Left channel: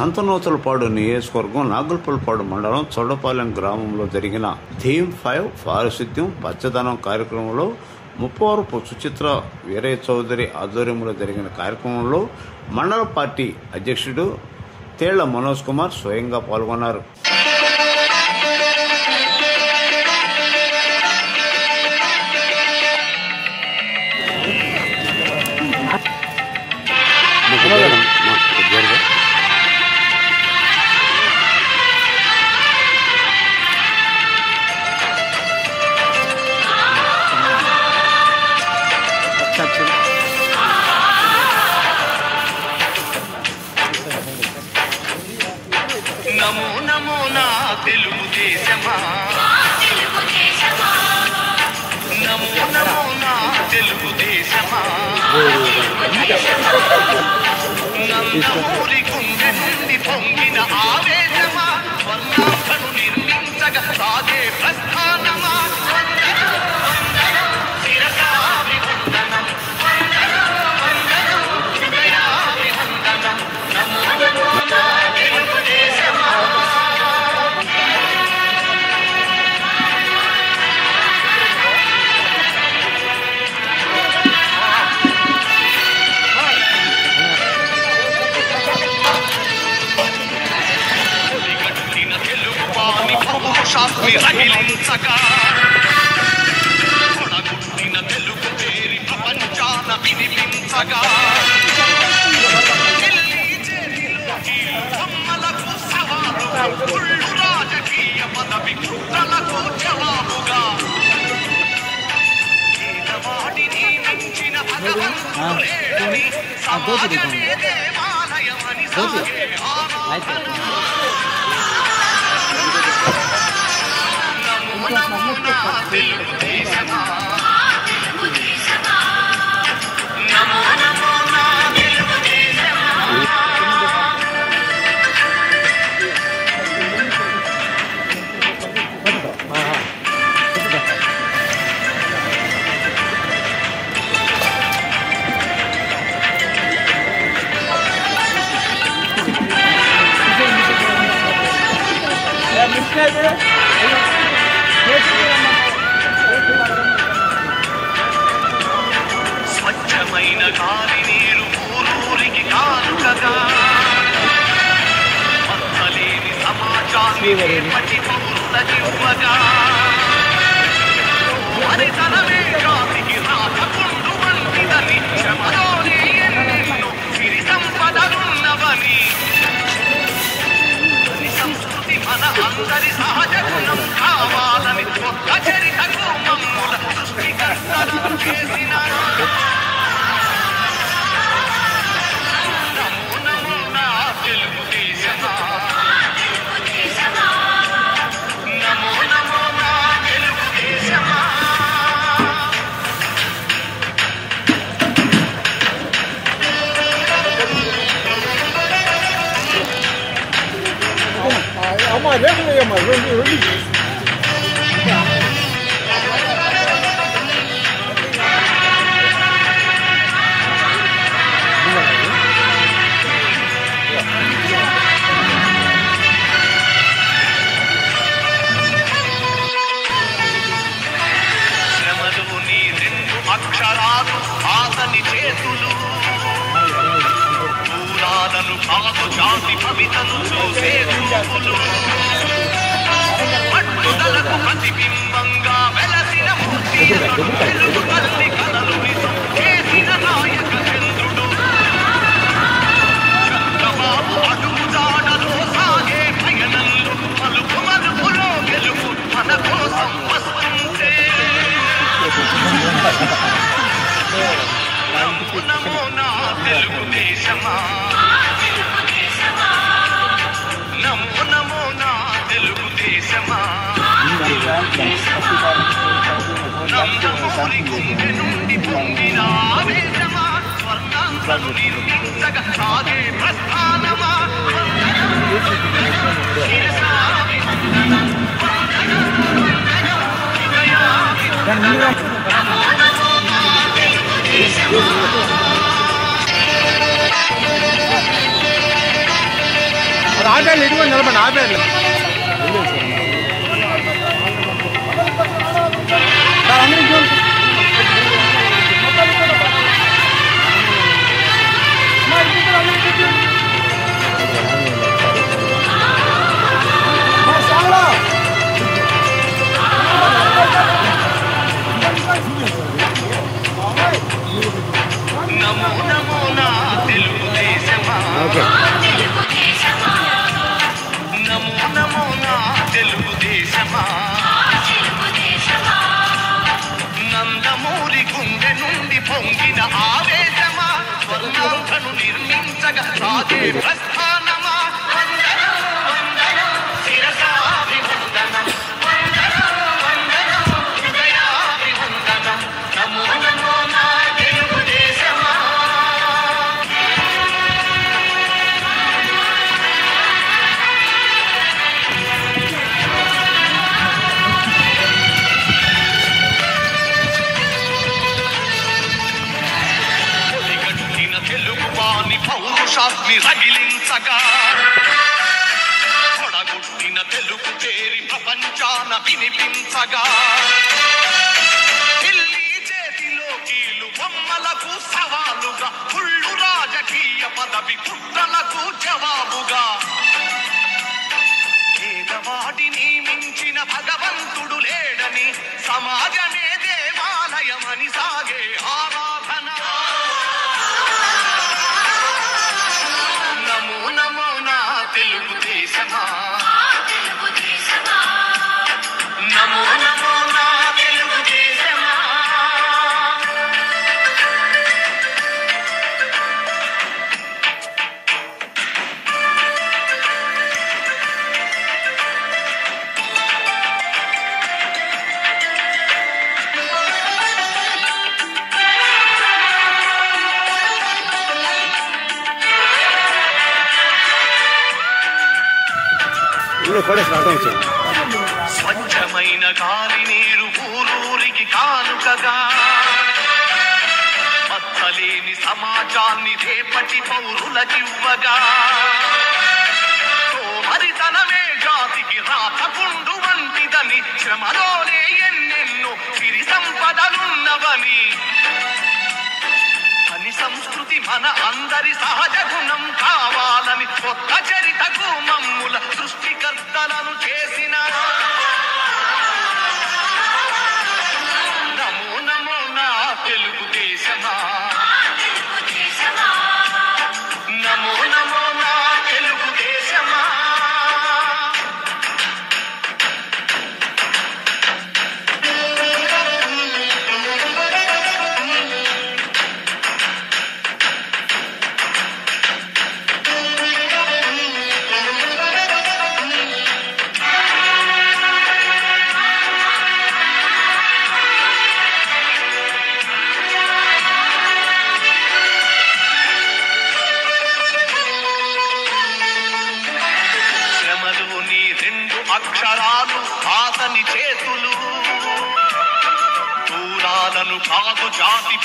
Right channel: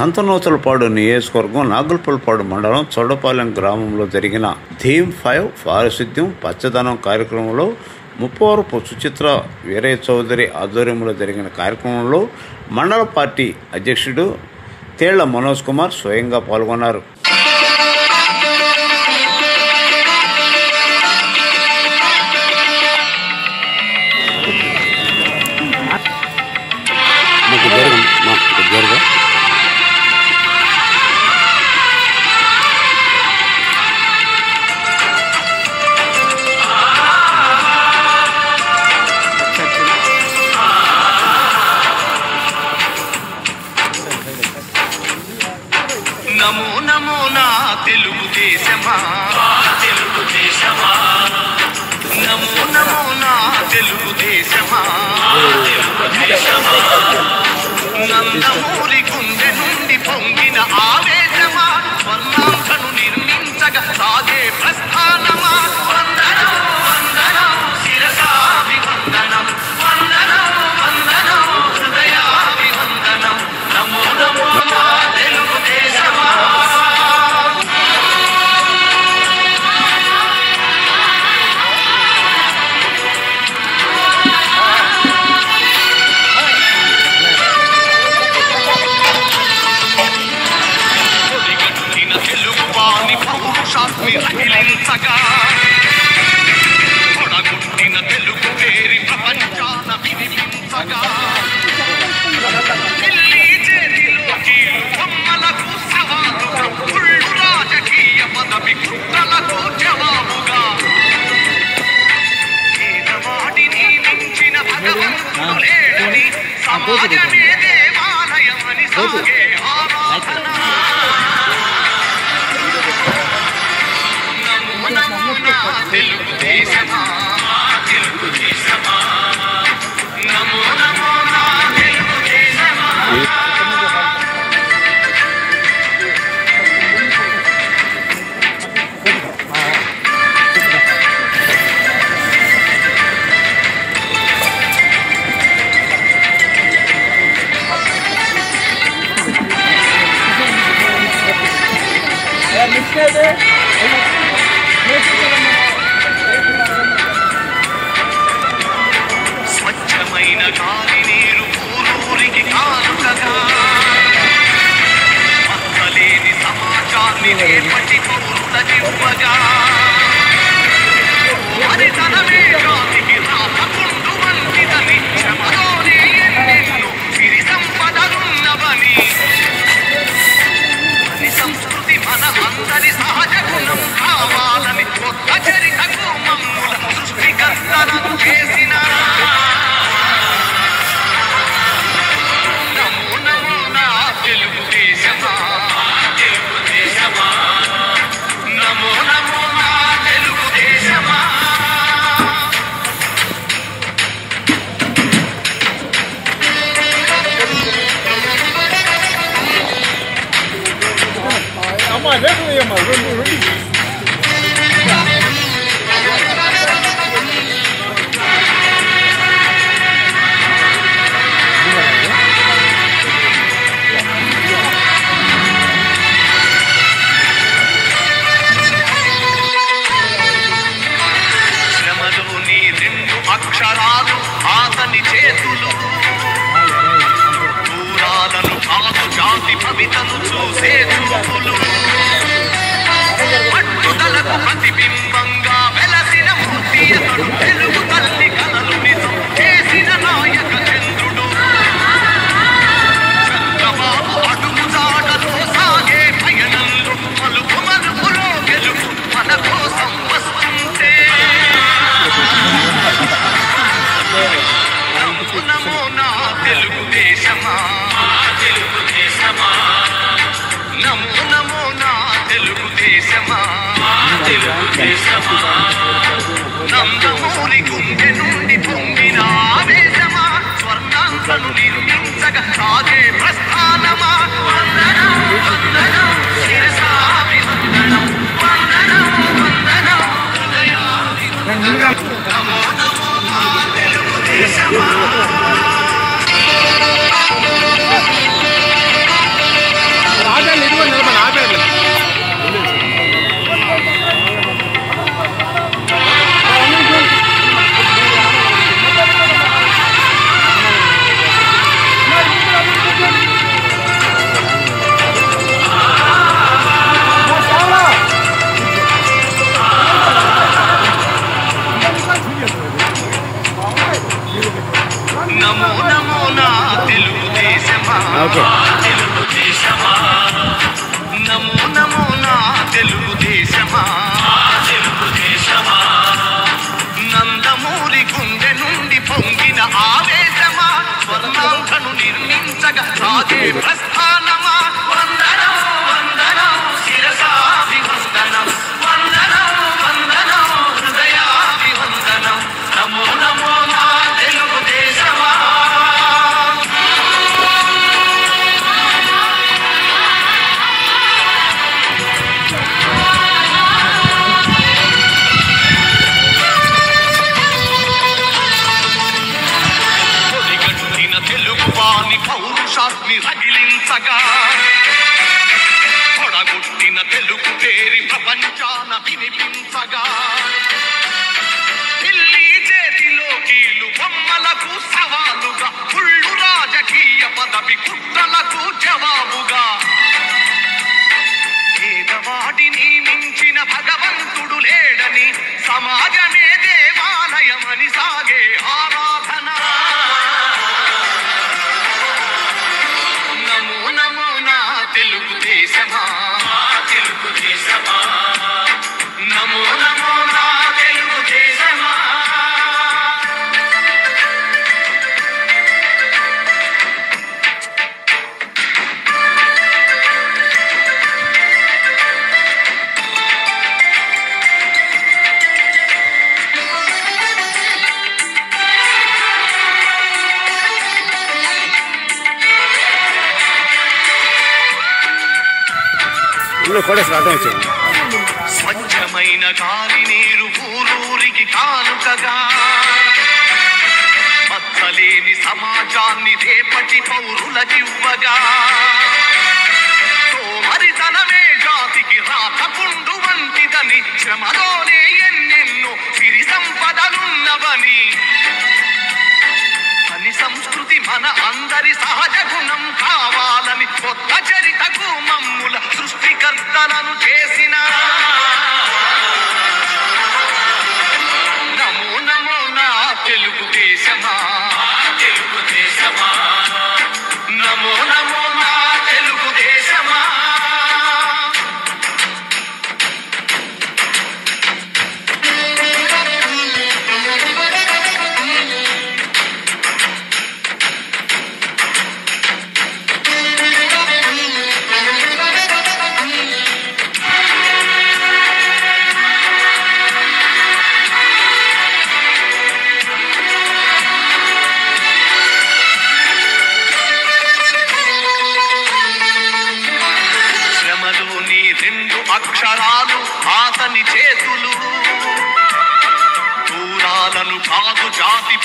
సంతనూతలపాడు నియోజకవర్గం నాగులపల్లిపాడు మండలం చొడపాలెం గ్రామంలో జరిగిన థీమ్ 5 పారిశుద్ధ్యం పచ్చదనం కార్యక్రమంలో ముప్పవరపు సుచిత్ర వీరయ్య చౌదరి ఆధ్వర్యంలో జరిగిన కార్యక్రమంలో మండల పార్టీ అధ్యక్షుడు తేళ్ల మనోజ్ కుమార్ స్వయంగా పాల్గొన్నారు. నమో నమో నా తెలుగు దేశమా, నమో నమో నా తెలుగు దేశమా, నందమూరి గుండె నుండి పొంగిన ఆవేశమా, స్వర్ణాంకను నిర్మించగా సాగే ప్రస్థానమా, వందనం వందనం శిరసాభివందనం, వందనం వందనం హృదయాభివందనం, నమో నమో నా తెలుగు దేశమా. తెలుగు వాణి పౌరుషాన్ని రగిలించగా, పొడగొట్టిన తెలుగు పేరి ప్రపంచాన వినిపించగా, ఢిల్లీ చేతిలో కీలు బొమ్మలకు సవాలుగా, ఉళ్ళు రాజకీయ పదవి కుట్రలకు జవాబుగా, పేదవాడిని మించిన భగవంతుడు లేడని, సమాజమే దేవాలయమని సాగే ఆరాధన. నమో నా తెలుగు దేశమా, తెలుగు దేశమా, నమో నమో నా తెలుగు దేశమా. స్వచ్ఛమైన గాలి నీరు ఊరూరికి కానుకగా, మచ్చలేని సమాజాన్ని రేపటి పౌరుల దివ్వగా, హరితనమే జాతికి రాతకుండు వంటిదని, శ్రమలోనే ఎన్నెన్నో సిరి సంపదలున్నవని, సంస్కృతి మన అందరి సహజ గుణం కావాలని, ఒక్క చరితకు మమ్ముల సృష్టికర్తనం చేసిన. నమో నమో నా తెలుగు దేశమా, తెలుగు దేశమా, నమో నమో నా తెలుగు దేశమా. శ్రమలోని రెండు అక్షరాలు ఆతని చేతులు, దూరాలను కాదు జాతి భవితను చూసే చూపులు, పట్టుదలకు ప్రతిబింబంగా వెలసిన మూర్తి అతడు, తెలుగు తల్లి కలలు నిజం చేసిన నాయక చంద్రుడు. చంద్రబాబు అడుగు జాడలో సాగే పయనంలో, మలుపు మలుపులో గెలుపు మన కోసం వస్తుంటే. నమో నమో నా తెలుగు దేశమా, తెలుగు దేశమా, నమో నమో నా తెలుగు దేశమా, తెలుగు దేశమా, నందమూరి గుండె నుండి పొంగిన ఆవేశమా, స్వర్ణాంకను నిర్మించగా సాగే ప్రస్థానమా, వందనం వందనం శిరసాభివందనం, వందనం వందనం హృదయాభివందనం, నమో నమో నా తెలుగు దేశమా. పొంగిన ఆవేశమా స్వర్ణాంధను నిర్మించగా సాగే ప్రస్థానమా వందనం వందనం శిరసాభివందనం వందనం వందనం హృదయాభివందనం నమో నమో నా తెలుగుదేశమా తెలుగువాని పౌరుషాన్ని రగిలించగా పొడగొట్టిన తెలుగు పేరి ప్రపంచాన వినిపించగా ఢిల్లీ చేతిలో కీలు బొమ్మలకు సవాలుగా కుళ్ళు రాజకీయ పదవి కుట్రలకు జవాబుగా పేదవాడిని మించిన భగవంతుడు లేడని సమాజమే దేవాలయమని సాగే ఆరాధన నమో నమో నా తెలుగుదేశమా నమో నమో నా తెలుగుదేశమా స్వచ్ఛమైన గాలి నీరు ఊరూరికి కానుకగా మచ్చలేని సమాజాన్ని రేపటి పౌరులకివ్వగా సోమరితనమే జాతికి రాతపుండు వంటిదని శ్రమలోనే ఎన్నెన్నో సిరి సంపదలున్నవని అని సంస్కృతి మన అందరి సహజ గుణం కావాలని కొత్త చరితకు మమ్ముల సృష్టికర్తలను చేసిన నమో నమో నా తెలుగుదేశమా నమో నమో నా తెలుగుదేశమా రెండు అక్షరాలు ఆతని చేతులు దూరాలను కాదు జాతి